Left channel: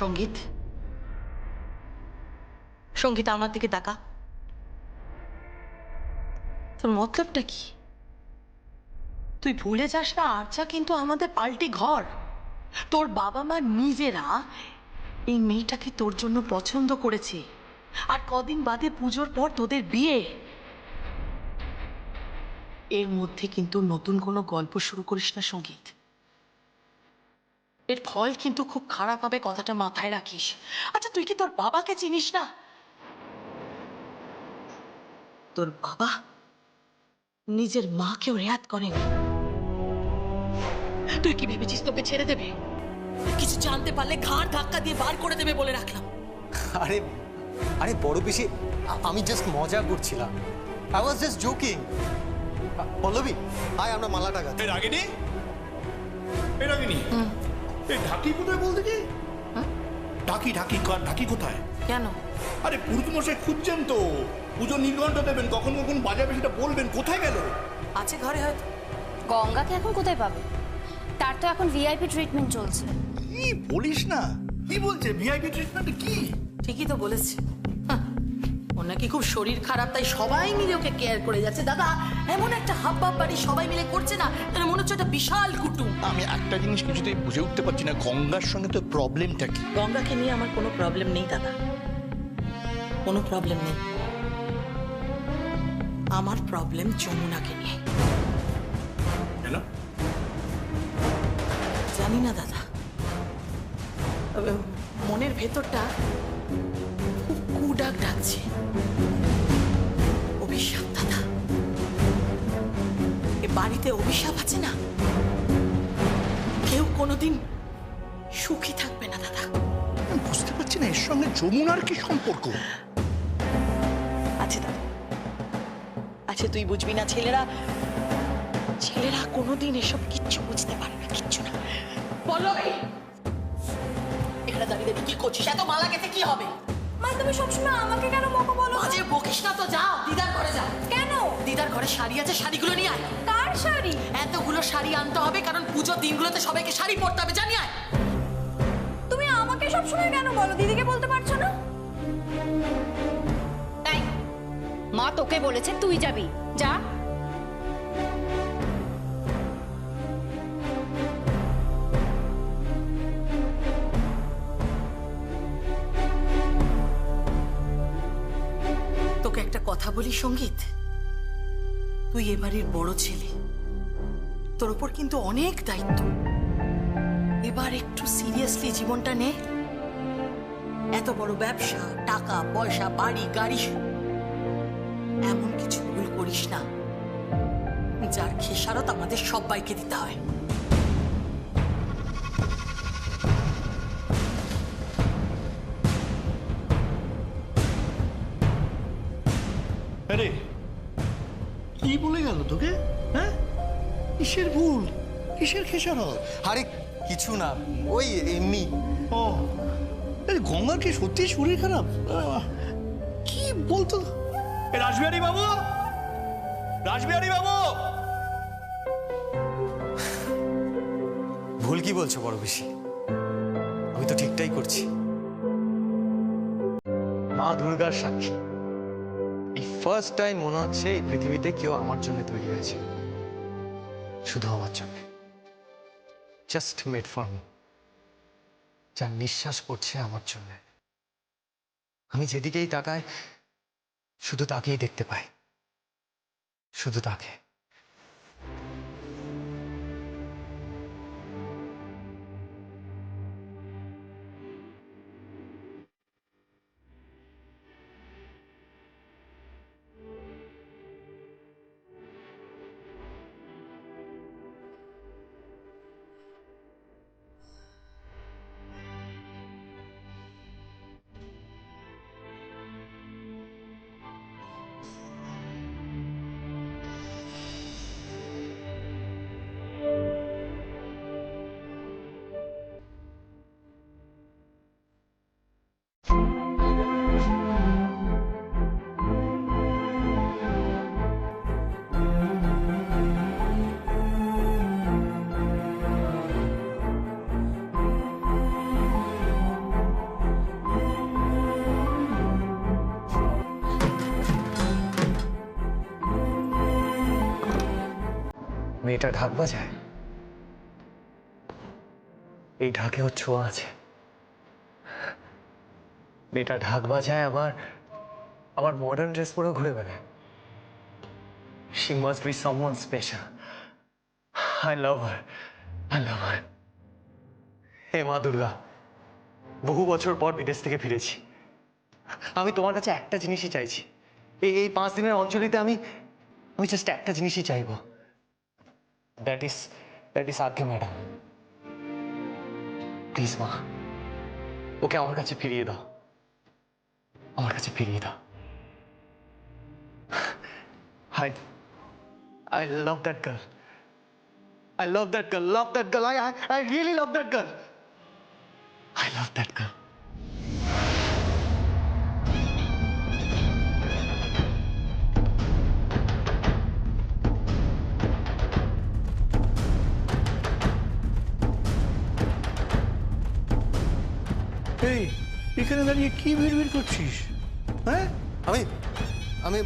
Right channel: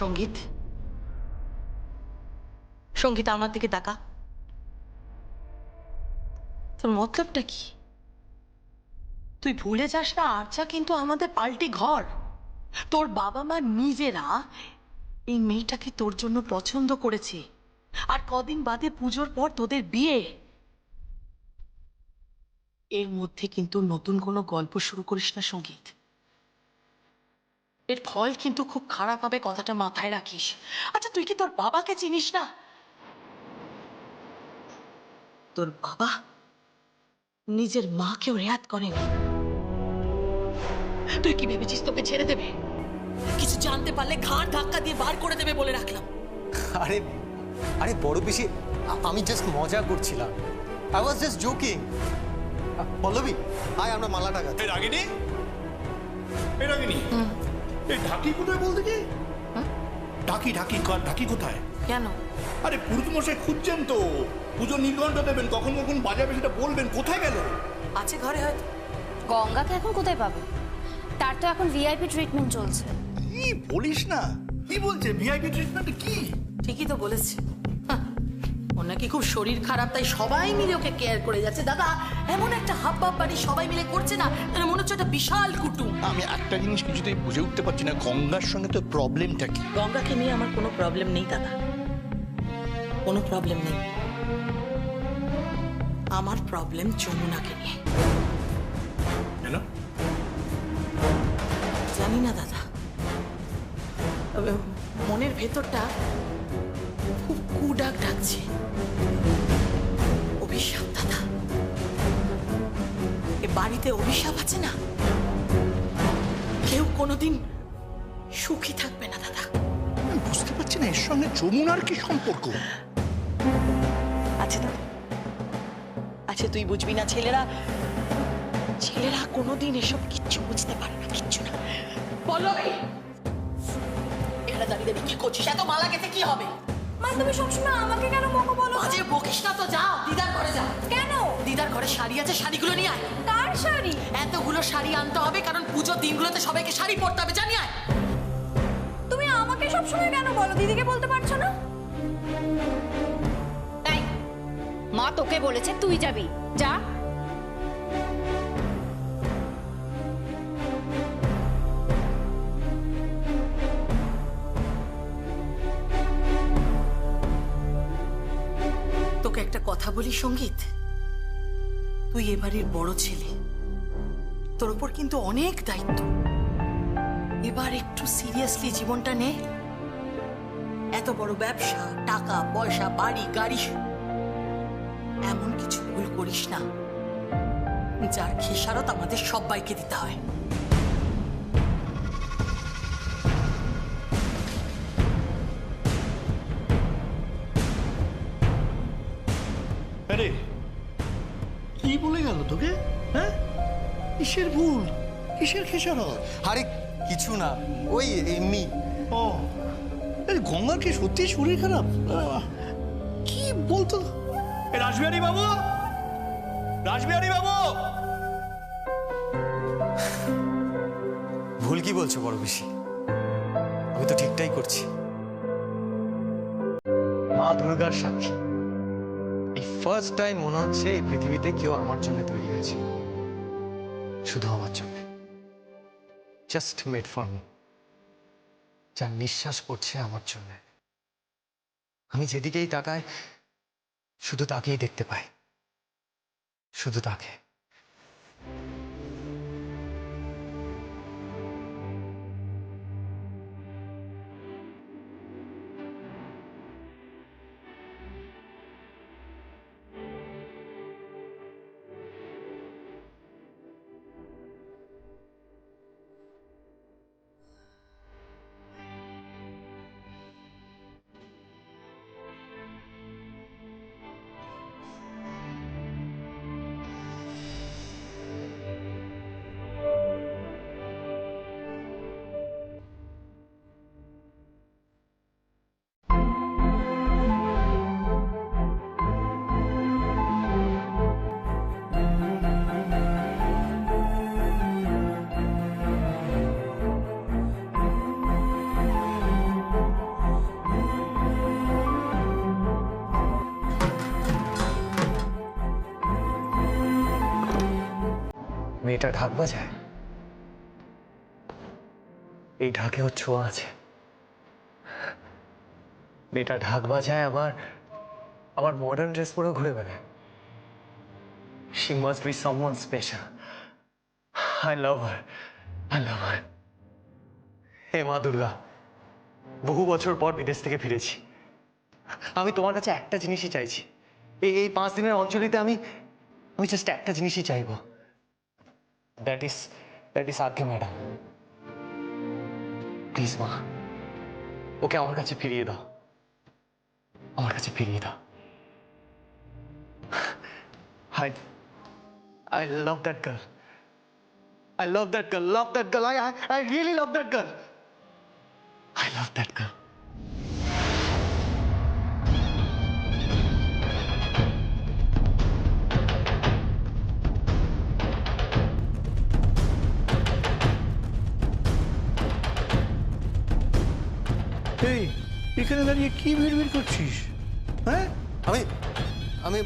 সঙ্গীত, সঙ্গীত আমার দিকে তাকা। তোর মতলবটা কি? তুই ভুলে যাস না আর্চা কিন্তু আমাদের পাল্টি ঘর। তোর বাবা মা নিজেরা এই মেয়েটাকে তোর জন্য পছন্দ করেছে, আর কদিন বাদে পুজোর পর তোদের বিয়ে। এর মধ্যে কিন্তু নতুন কোনো গল্প শুরু করিস না সঙ্গীত, এর ফল কিন্তু খুব খারাপ হবে, কথাটা মাথায় রাখিস। আচ্ছা তুই কি তোর বাবাকে চিনিস না? তোর বাবা নিজের মাকেও রেয়াত করেনি। তুই কি ভেবেছিস তোকে ছেড়ে দেবে? কিছু জানতে পারলে ঘাড় ধাক্কা দিয়ে বার করে দেবে বলে রাখলাম। আরে আরে বড় পিসি, আমি জাস্ট মজা করছিলাম। I was just joking. Pallavi, আয় আমরা মালাটা গাঁথি। এই রাগিনী, এই রাগিনী, এই ঢাকি কোথায় বলতে কি? ঢাকি ঢাকি ঢাকি কোথায়? কেন? আরে পুরুষ মশাই খুঁজছেন তো, পুজো নির্ঘণ্ট দেবেন, কখন কখন বাজাবে সেটা বলবেন। কোথায় গেল? আছে ঘরে হয়তো। গঙ্গাকে এখন কোথায় পাবে? তার তো এখন ভিআইপি ট্রিটমেন্ট চলছে। কি বলিস না? কি বলছে ভিআইপি ট্রিটমেন্ট? কি ঠিকই তো বলেছে। ওর নাকি খুব শরীর খারাপ, তাই সবাই মিলে ওকে কেয়ার করে যাচ্ছে। দাদা, এমন একটা হাবভাব বাড়ি সবাই মিলে করছে না, যেন মনে হচ্ছে একটা বিশাল কুটুম। আমি একটা জিনিস কিছুতেই বুঝে উঠতে পারছি না, গঙ্গার সঙ্গে তো প্রবলেমটা কি? গঙ্গাকে নিয়ে আমার কোনো প্রবলেম নেই দাদা, কোনো প্রবলেম নেই। আমার প্রবলেম যমুনাকে নিয়ে। কেন? জানি না দাদা, তবে মনের ভেতরটা খুব কুডাক ডাকছে। অভিশাপ দাদা, এ বাড়িতে অভিশাপ আছে না, কেউ কোনোদিন সুখী থাকবে না দাদা। আমি বুঝতে পারছি না এর সঙ্গে যমুনার কি সম্পর্ক। আছে দাদা, আছে, তুই বুঝবি না। ছেলেরা ছেলেরা কোনোদিন এসব কিচ্ছু বুঝতে পারে না, কিচ্ছু না। পল্লবী, এখানে দাঁড়িয়ে দাঁড়িয়ে কি করছিস? এত মালা গেতে কি হবে? মা, তুমি সবসময় আমাকে কেন বকো বলো? বাজে বকিস না তো, যা দিদার ঘরে যা। কেন? দিদার ঘরে শাড়ি আছে, শাড়িগুলো নিয়ে আয়। কার শাড়ি? এতগুলো শাড়ি আনতে হবে, কারণ পুজোর দিনগুলোতে সবাইকে শাড়ি পরতে হবে, জানি আয়। তুমি আমাকে সবসময় কেন বলো? দিদিকে বলতে পারছো না? তাই মা তোকে বলেছে তুই যাবি, যা। তোকে একটা কথা বলি সঙ্গীত, তুই এবারের বড় ছেলে, তোর ওপর কিন্তু অনেক দায়িত্ব। এবার একটু সিরিয়াসলি জীবনটা নে। এত বড় ব্যবসা, টাকা পয়সা, বাড়ি গাড়ি, এমন কিছু ভুল করিস না যার খেসারত আমাদের সবাইকে দিতে হয়। আরে কি বলে গেল তোকে? হ্যাঁ, কিসের ভুল, কিসের খেসারত? আরে কিছু না, ওই এমনি। ও, এই গঙ্গার কি সত্যি শরীর খারাপ? কি বলতো? রাসবিহারী বাবু, রাসবিহারী বাবু। ভুল কি বলছো বড় পিসি? আমি তো ঠিকটাই করছি। মা দুর্গার সাক্ষী, এই ফার্স্ট টাইম মনে হচ্ছে এই পৃথিবীতে কেউ আমার জন্য তৈরি হয়েছে, শুধু আমার জন্য, জাস্ট মেড ফর মি। যার নিঃশ্বাস পড়ছে আমার জন্য। আমি যেদিকেই তাকাই শুধু তাকেই দেখতে পাই, শুধু তাকে। মেয়েটা ঢাক বাজায়, এই ঢাকে ওর ছোঁয়া আছে। মেয়েটা ঢাক বাজায়, আবার মডার্ন ড্রেস পরে ঘুরে বেড়ায়। She must be someone special. I love her. I love her. হে মা দুর্গা, বহু বছর পর বিদেশ থেকে ফিরেছি। আমি তোমার কাছে একটা জিনিসই চাইছি। এই 5 দিনের অঞ্চলিতে আমি জাস্ট একটা জিনিসই চাইবো। দ্যাট ইজ আজ্ঞে ম্যাডাম। প্লিজ মা, ওকে আমার কাছে ফিরিয়ে দাও, আমার কাছে ফিরিয়ে দাও। I love that girl. I love that girl. Love that girl. I really love that girl. I love that girl. এই এখানে দাঁড়িয়ে কি ভিড় করছিস? হ্যাঁ, আমি আমি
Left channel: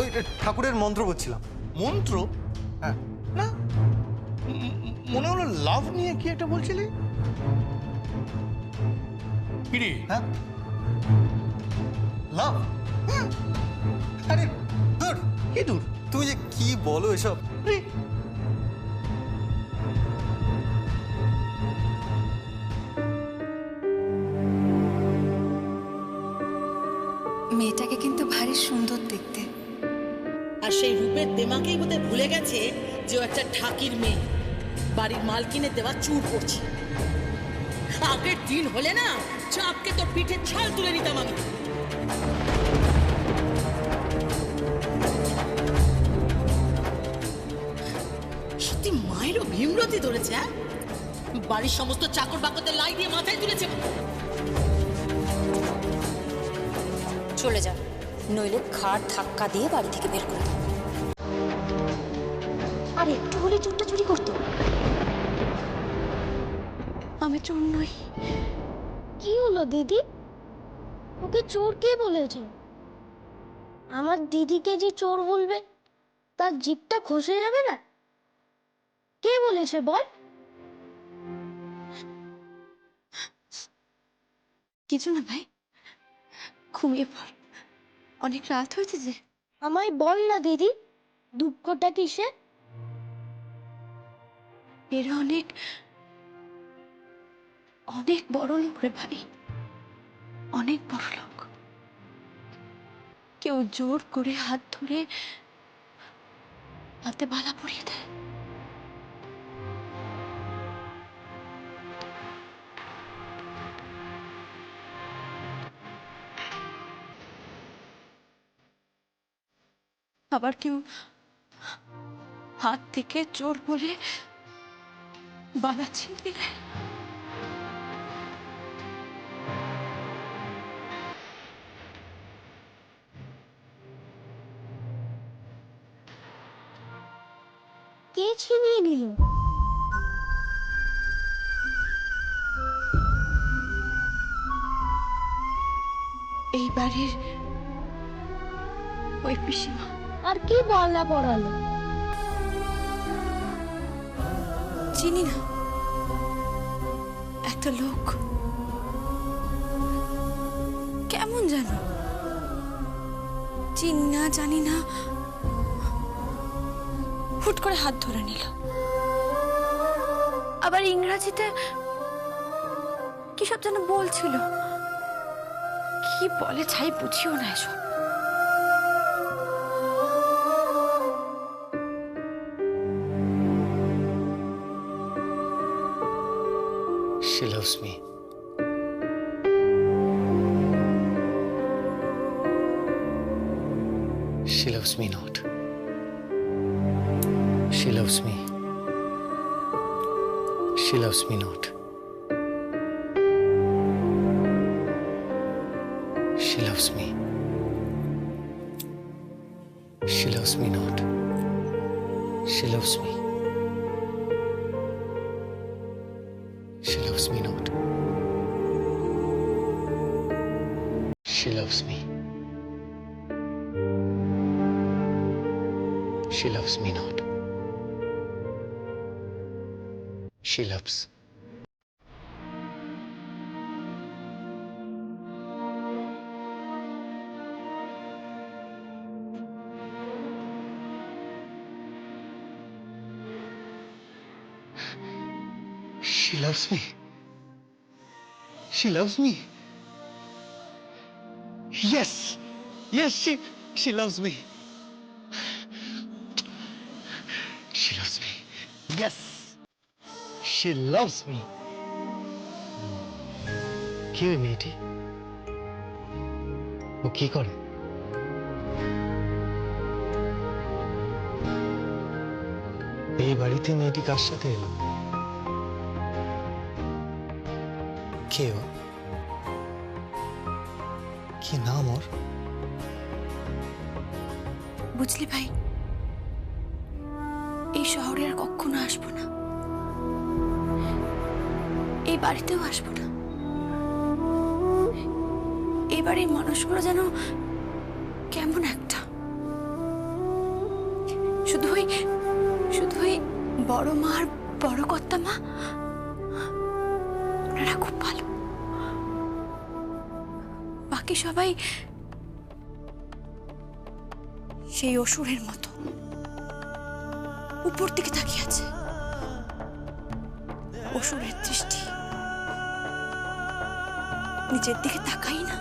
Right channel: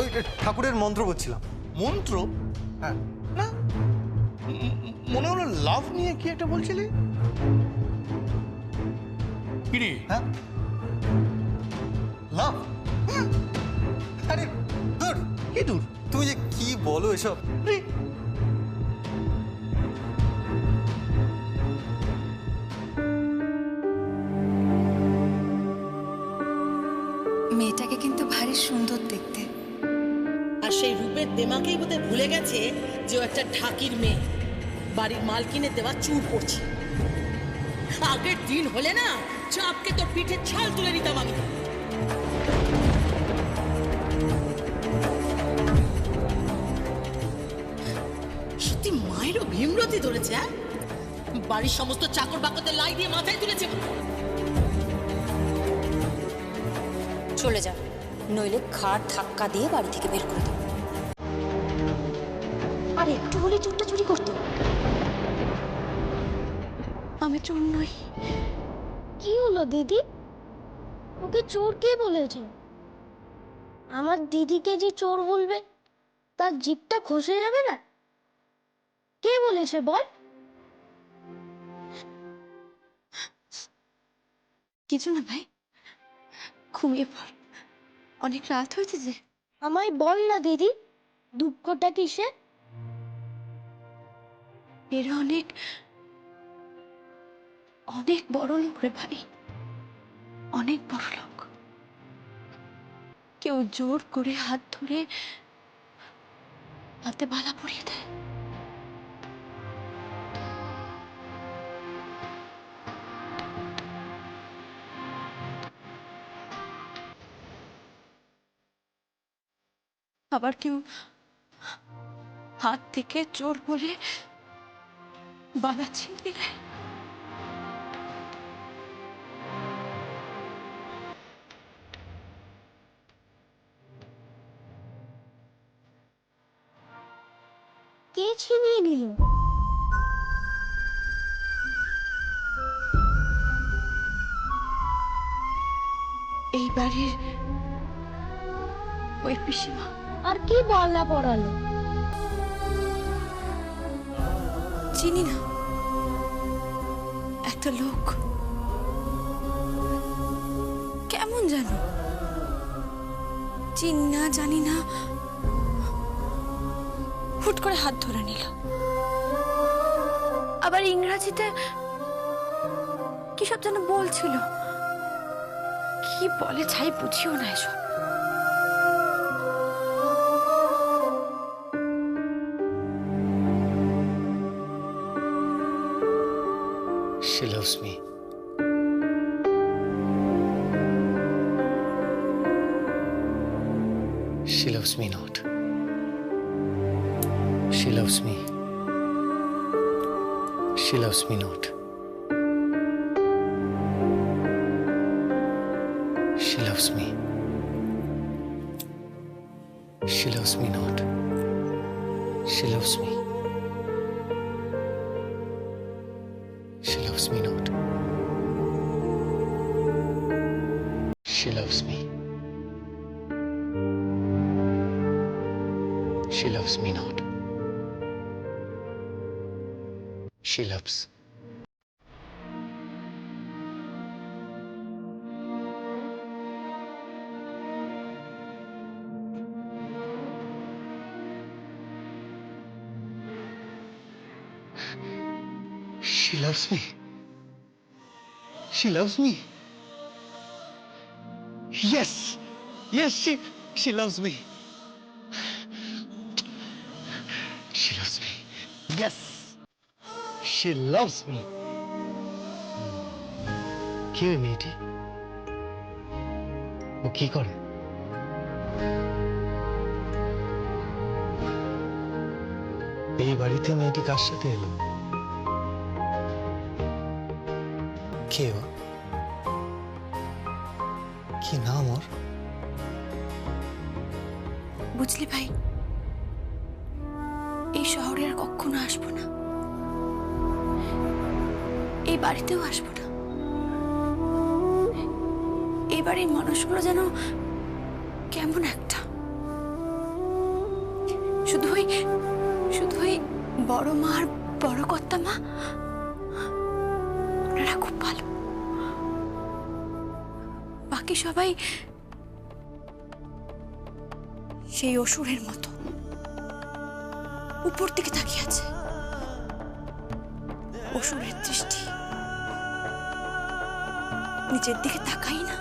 ওই ঠাকুরের মন্ত্র বলছিলাম। মন্ত্র? হ্যাঁ। না, মনে হলো লাভ নিয়ে কি একটা বলছিলি। কিরে? হ্যাঁ, লাভ? আরে দূর, কি দূর? তুমি যে কি বলো এসব। আরে, মেয়েটাকে কিন্তু ভারী সুন্দর দেখতে। আর সেই রূপের দেমাকেই বোধহয় ভুলে গেছে যে ও একটা ঢাকির মেয়ে, বাড়ির মালকিনের দেওয়া চুর করছে। আগের দিন হলে না চাপকে তোর পিঠে ছাল তুলে নিতাম আমি। সত্যি মায়েরও ভীমরতি ধরেছে। হ্যাঁ, বাড়ির সমস্ত চাকর বাকরদের লাই দিয়ে মাথায় তুলেছে। চলে যা, নইলে খাট ধাক্কা দিয়ে বাড়ি থেকে বের করে দেবো। আর একটু হলে চোরটা চুরি করতো। আমি চোর নই। কি হলো দিদি? ওকে চোর কে বলেছে? আমার দিদিকে যে চোর বলবে তার জিভটা খসে যাবে না? কে বলেছে বল? কিছু না ভাই, ঘুমিয়ে পড়, অনেক রাত হয়েছে যে। আমায় বল না দিদি, দুঃখটা কিসে? এরা অনেক অনেক বড় লোক রে ভাই, অনেক বড় লোক। কেউ জোর করে হাত ধরে হাতে বালা পরিয়ে দেয়। আবার কেউ হাত থেকে চোর বলে বালা ছিনিয়ে নেয়। কে ছিনিয়ে নিল? এই বাড়ির ওই পিসিমা। আর কি বললা পড়ালো? চিনি না, একটা লোক কেমন জানো, চিনি না, জানি না, হুট করে হাত ধরে নিল। আবার ইংরাজিতে কি সব যেন বলছিল, কি বলে ছাই বুঝিও না এসব। She loves me. She loves me not. She loves me. She loves me not. She loves me. She loves me not. She loves me. She loves me not. She loves me. She loves me not. She loves. She loves me. She loves me. Yes. Yes, she loves me. She loves me. Yes. She loves me. কি ওই মেয়েটি? ও কি করে? এই বাড়িতে মেয়েটি কার সাথে এলো? কে ও? কি নাম ওর? বুঝলি ভাই, এই শহরে আর কখনো আসবো না, এই বাড়িতেও আসবো না। এই বাড়ির মানুষগুলো যেন কেমন একটা, শুধু ওই বড় মা আর বড় কর্তা মা, ওনারা খুব ভালো। বাকি সবাই সেই অসুরের মতো উপর দিকে তাকিয়ে আছে। অসুরের দৃষ্টি, নিচের দিকে তাকাই না,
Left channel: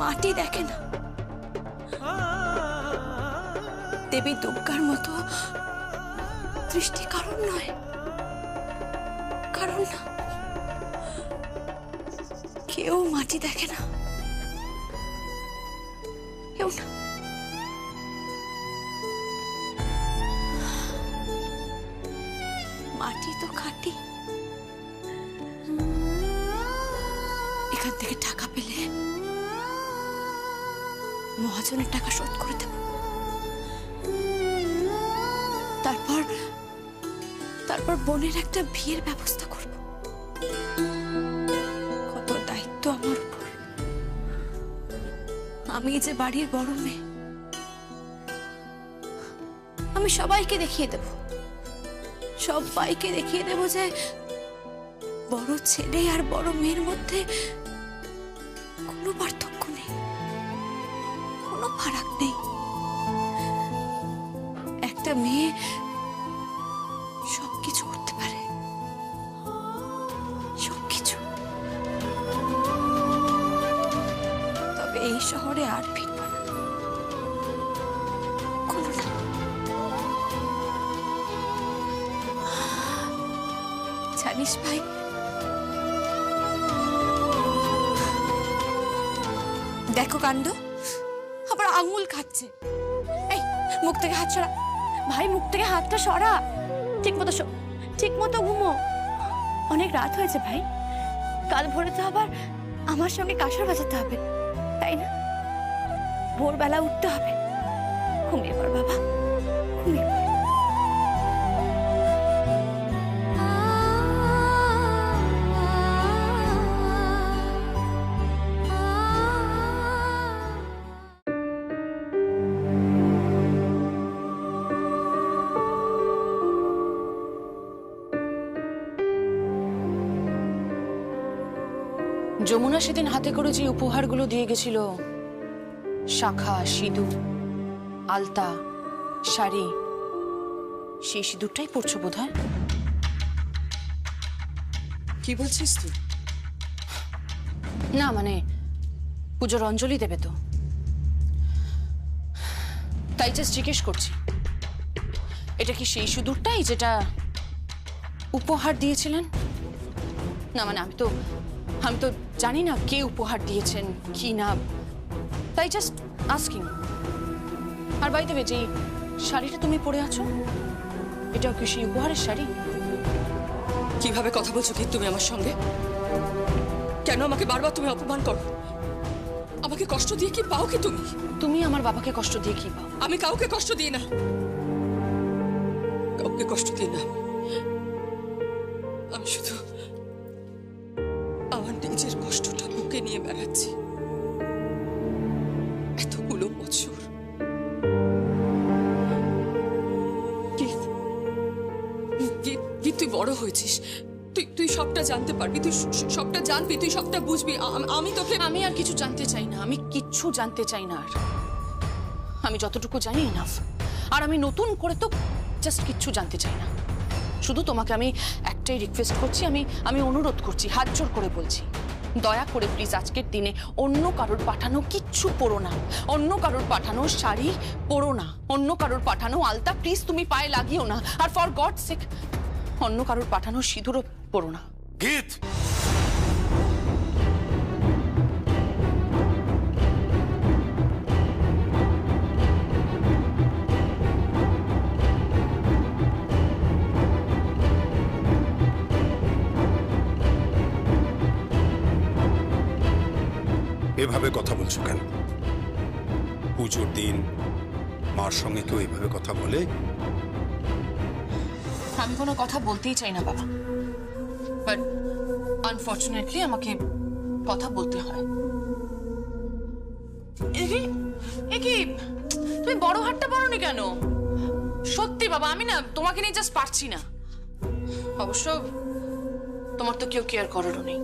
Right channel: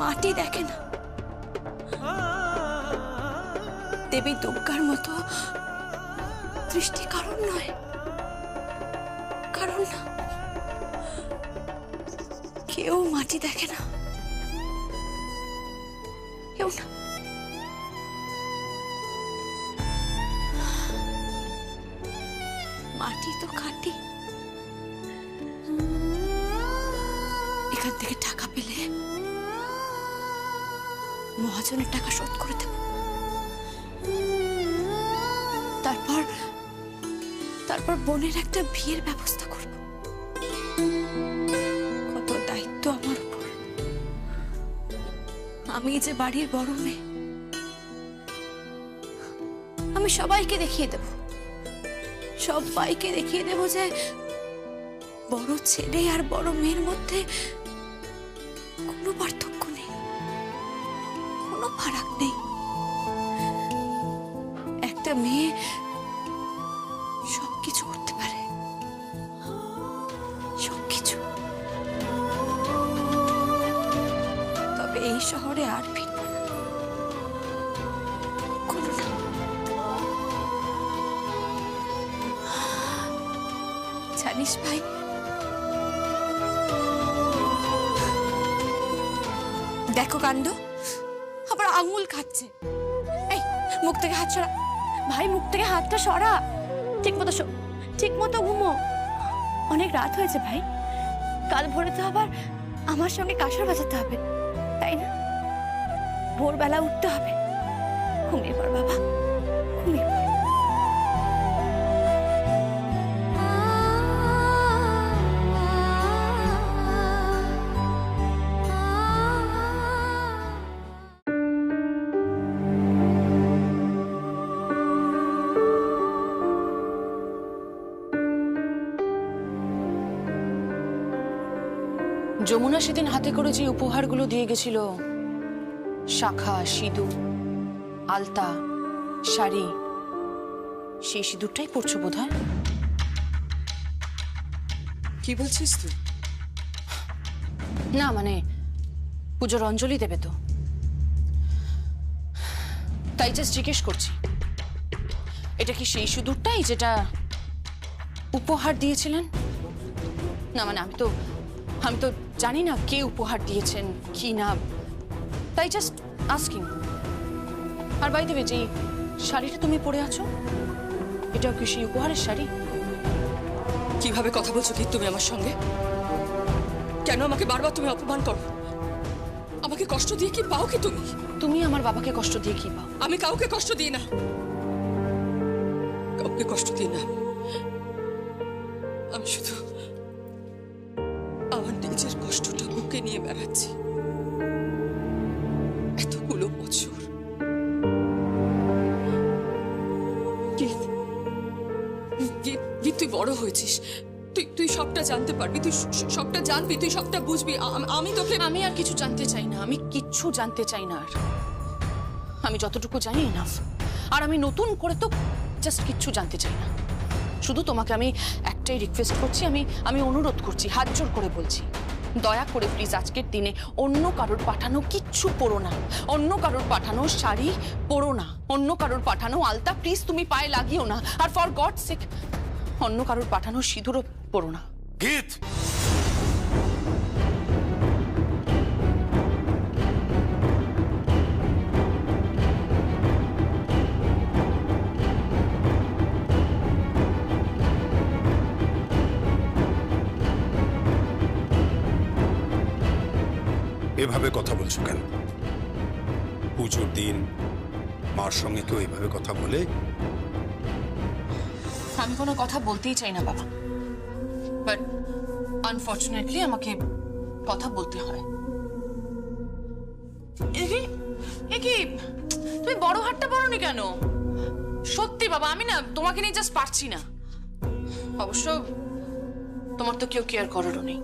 মাটি দেখে না। দেবী দুর্গার মতো দৃষ্টি কারণ নয়, কারণ না, কেউ মাটি দেখে না, কেউ না। মাটি তো খাঁটি। এখান থেকে টাকা পেলে মহাজনের টাকা শোধ করে দেব, তারপর বোনের একটা বিয়ের ব্যবস্থা করব। কত দায়িত্ব আমার উপর। আমি যে বাড়ির বড় মেয়ে, আমি সবাইকে দেখিয়ে দেব যে বড় ছেলে আর বড় মেয়ের মধ্যে কোনো পার্থক্য নেই, কোনো ফারাক নেই। একটা মেয়ে সবকিছু করতে পারে, সবকিছু। তবে এই শহরে আর ফিরব না, কোনো না। জানিস ভাই, দেখো কাণ্ড, আবার আঙুল খাচ্ছে। এই মুখ থেকে হাত সরা ভাই, মুখ থেকে হাতটা সরা। ঠিক মতো শো, ঠিক মতো ঘুমো। অনেক রাত হয়েছে ভাই, কাল ভোরে তো আবার আমার সঙ্গে কাঁসর বাজাতে হবে, তাই না? ভোরবেলা উঠতে হবে। ঘুমিয়ে পড় বাবা, ঘুমিয়ে পড়। যমুনা সেদিন হাতে করে যে উপহারগুলো দিয়ে গেছিল, শাখা, সিঁদুর, আলতা, শাড়ি, সেই সিঁদুরটাই পরছো বোধহয়। কি বলছিস তুই? না মানে পুজোর অঞ্জলি দেবে তো, তাই জাস্ট জিজ্ঞেস করছি, এটা কি সেই সিঁদুরটাই যেটা উপহার দিয়েছিলেন? না মানে আমি তো জানি না কে উপহার দিয়েছেন কি না, তাই জাস্ট আস্কিং। আর বাই দ্য ওয়ে, যে শাড়িটা তুমি পরে আছো, এটাও কি সেই উপহারের শাড়ি? কিভাবে কথা বলছো কি তুমি আমার সঙ্গে? কেন আমাকে বারবার তুমি অপমান করো? আমাকে কষ্ট দিয়ে কি পাও কি তুমি? তুমি আমার বাবাকে কষ্ট দিয়ে কি পাও? আমি কাউকে কষ্ট দিই না, কাউকে কষ্ট দিই না। আমি শুধু আমার নিজের কষ্টটা বুকে নিয়ে বেড়াচ্ছি এতগুলো বছর। গীত বড় হয়েছিস, তুই তুই সবটা জানতে পারবি, তুই সবটা জানবি, তুই সবটা বুঝবি। আমি তোকে আমি আর কিছু জানতে চাই না, আমি কিচ্ছু জানতে চাই না আর। আমি যতটুকু জানি এনাফ। আর আমি নতুন করে তো জাস্ট কিচ্ছু জানতে চাই না। শুধু তোমাকে আমি একটাই রিকোয়েস্ট করছি, আমি অনুরোধ করছি, হাত জোর করে বলছি, দয়া করে প্লিজ আজকের দিনে অন্য কারোর পাঠানো কিচ্ছু পরো না। অন্য কারোর পাঠানো শাড়ি পরো না, অন্য কারোর পাঠানো আলতা প্লিজ তুমি পায়ে লাগিও না। আর ফর গড সেক অন্য কারোর পাঠানো সিঁদুরও পরো না। গীত, এভাবে কথা বলছো কেন? পুজোর দিন মার সঙ্গে কেউ এভাবে কথা বলে? আমি কোনো কথা বলতেই চাই না বাবা, বাট আনফর্চুনেটলি আমাকে কথা বলতে হয়। কি তুমি বড় হাটটা পরোনি কেন? সত্যি বাবা, আমি না তোমাকে নিয়ে জাস্ট পারছি না। অবশ্য তোমার তো কেউ কেয়ার করারও নেই।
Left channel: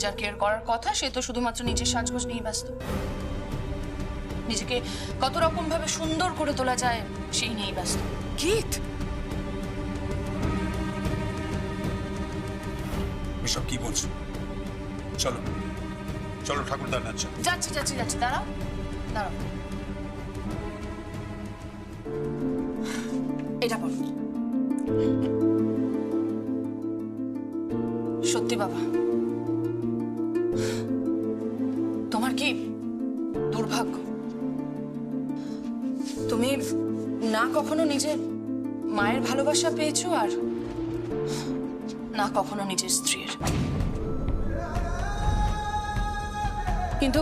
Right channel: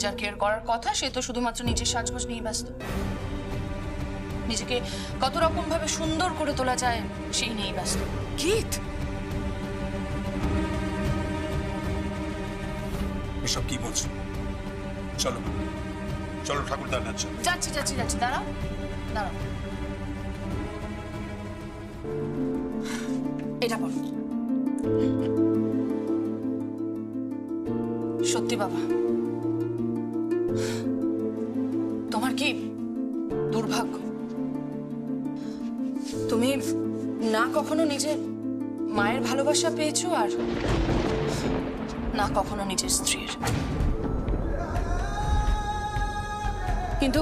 যার কেয়ার করার কথা সে তো শুধুমাত্র নিজের সাজগোজ নিয়ে ব্যস্ত। নিজেকে কত রকম ভাবে সুন্দর করে তোলা যায় সেই নিয়েই ব্যস্ত। গীত, এসব কি বলছো? চলো চলো ঠাকুরদার নাচ। যাচ্ছি যাচ্ছি যাচ্ছি, দাঁড়াও দাঁড়াও, এটা বলো। সত্যি বাবা, তোমার কি দুর্ভাগ্য, তুমি না কখনো নিজের মায়ের ভালোবাসা পেয়েছো আর না কখনো নিজের স্ত্রীর। কিন্তু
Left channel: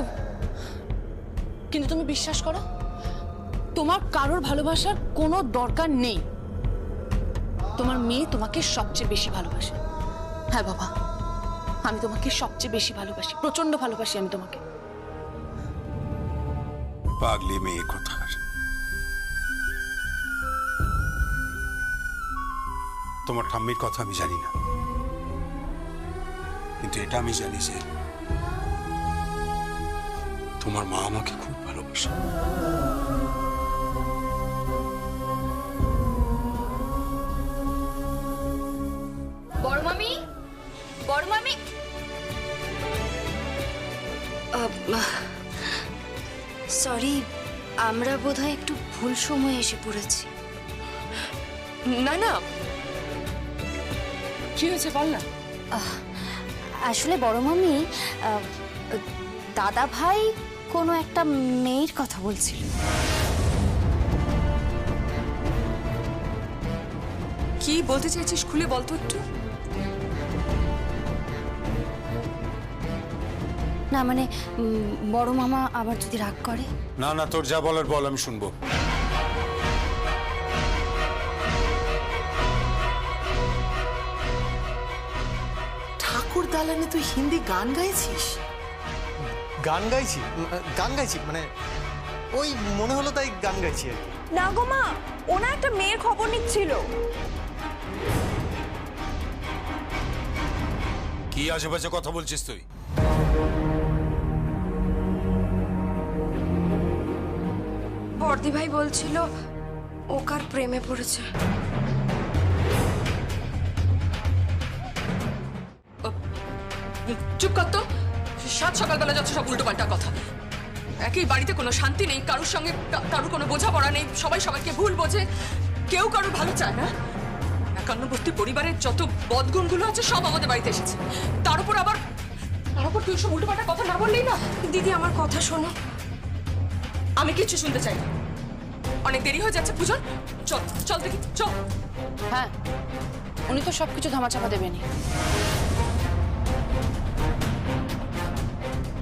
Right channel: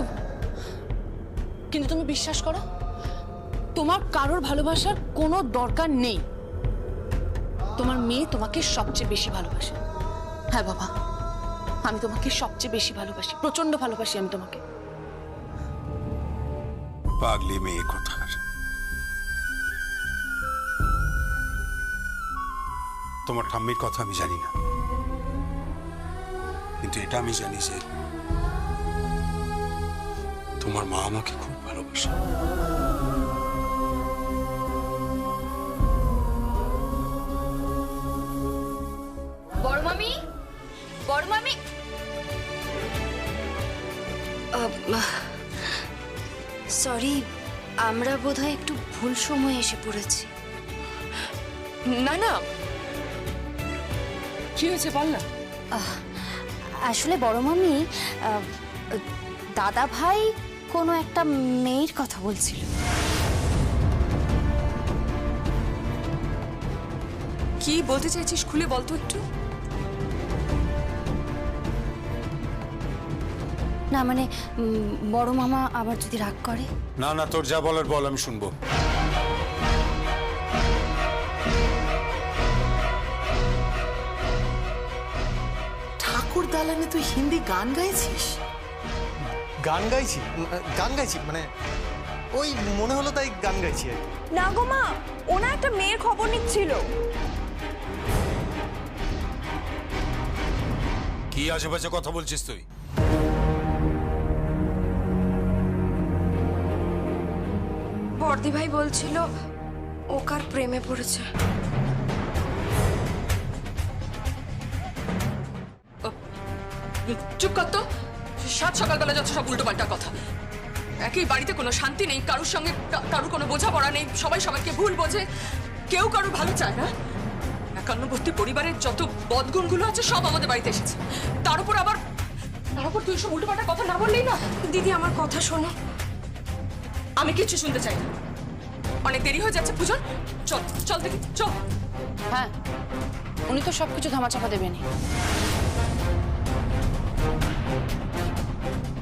কিন্তু তুমি বিশ্বাস করো, তোমার কারোর ভালোবাসার কোনো দরকার নেই। তোমার মেয়ে তোমাকে সবচেয়ে বেশি ভালোবাসে। হ্যাঁ বাবা, আমি তোমাকে সবচেয়ে বেশি ভালোবাসি, প্রচন্ড ভালোবাসি আমি তোমাকে। পাগলি মেয়ে কোথার। তোমার ঠাম্মির কথা আমি জানি না, কিন্তু এটা আমি জানি যে তোমার মা আমাকে খুব ভালোবাসে। বড় মামি, বড় মামি। সরি, আমরা বোধহয় একটু ভুল সময়ে এসে পড়েছি। না না, কি হয়েছে বল না। আসলে বড় মামি, দাদা ভাই কোনো একটা মেয়ের কথা বলছিল। কি বলতে চাইছিস খুলে বলতো একটু। না মানে বড় মামা আবার যদি রাগ করে। না না, তোর যা বলার বল, আমি শুনবো। ঠাকুর দালানে তুই হিন্দি গান গাইছিস? গান গাইছি? গান গাইছি মানে ওই মনে হলো তাই গান গাইছি আর কি। না গো মা, ওনা একটা মেয়ের খবর নিচ্ছিল। কি আশেপাশে কথা বলছিস তুই? বর্দি ভাই বলছিল ও কার প্রেমে পড়েছে। চুপ কর তো, সাত সকালবেলা যাচ্ছে সব উল্টো পাল্টা কথা। একই বাড়িতে কোনো শান্তি নেই, কারোর সঙ্গে কারোর কোনো বোঝাপড়া নেই, সবাই সবাইকে ভুল বোঝে, কেউ কারোর ভালো চায় না। একান্নবর্তী পরিবারের যত বদগুণগুলো আছে সব আমাদের বাড়িতে এসেছে। তার উপর তুই সব উল্টো পাল্টা কথা না বললেই না। দিদি আমার কথা শোনো। আমি কিচ্ছু শুনতে চাই না, অনেক দেরি হয়ে যাচ্ছে। পূজন চল চল দেখি, চল। হ্যাঁ, উনি তো সবকিছু ধামাচাপা দেবেনি।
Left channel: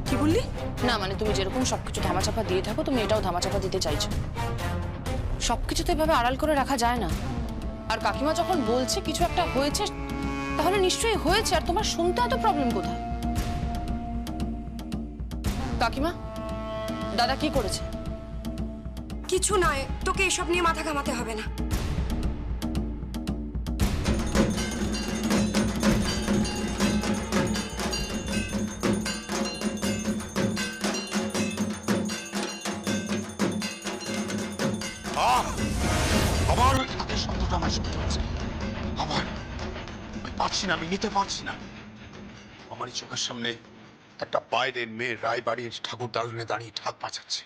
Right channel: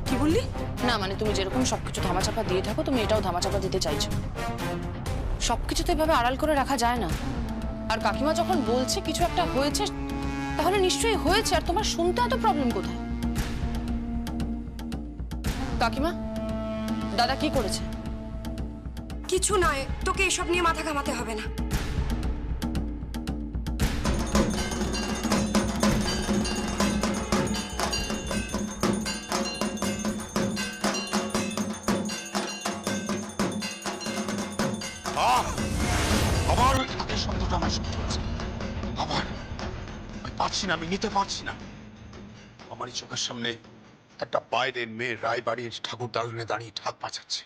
কি বললি? না মানে তুমি যেরকম সবকিছু ধামাচাপা দিয়ে থাকো, তুমি এটাও ধামাচাপা দিতে চাইছো। সবকিছু তো এভাবে আড়াল করে রাখা যায় না। আর কাকিমা যখন বলছে কিছু একটা হয়েছে, তাহলে নিশ্চয়ই হয়েছে। আর তোমার শুনতে এত প্রবলেম কোথায়? কাকিমা, দাদা কি করেছে? কিছু নয়, তোকে এসব নিয়ে মাথা ঘামাতে হবে না। কষ্টটা আমার সহ্য হচ্ছে আবার আমি পারছি না, আমি নিতে পারছি না। আমারই চোখের সামনে একটা বাইরের মেয়ে রায়বাড়ির ঠাকুর দালানে দাঁড়িয়ে ঢাক বাজাচ্ছে।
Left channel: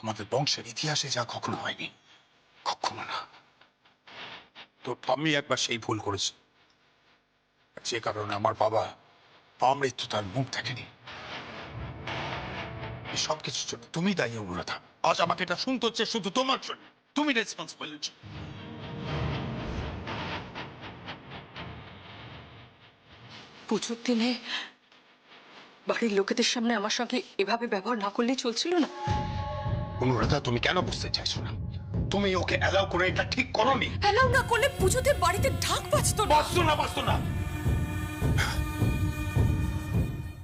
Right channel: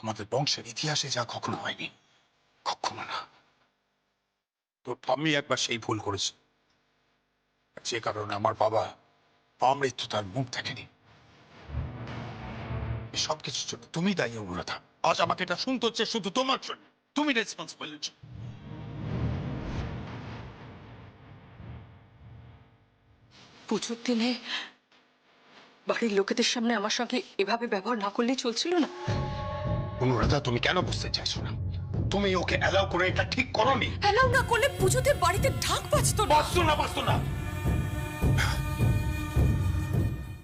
আমাদের বংশের ইতিহাসে যা কখনো হয়নি, কখনো না। তো আমি একবার সেই ভুল করেছি, যে কারণে আমার বাবা মৃত্যু তার মুখ দেখেনি। এই সব কিছুর জন্য তুমি দায়ী অনুরাধা। আজ আমাকে এটা শুনতে হচ্ছে শুধু তোমার জন্য। তুমি রেসপন্সিবল। পুজোর দিনে বাড়ির লোকেদের সামনে আমার সঙ্গে এভাবে ব্যবহার না করলেই চলছিল না। অনুরাধা, তুমি কেন বুঝতে চাইছো না? তুমি ওকে অ্যালাউ করে এটা ঠিক করোনি। অ্যালাউ না করলে পুজোতে বাড়িতে ঢাক বাজতো না। বাঁচতো না, বাঁচতো না।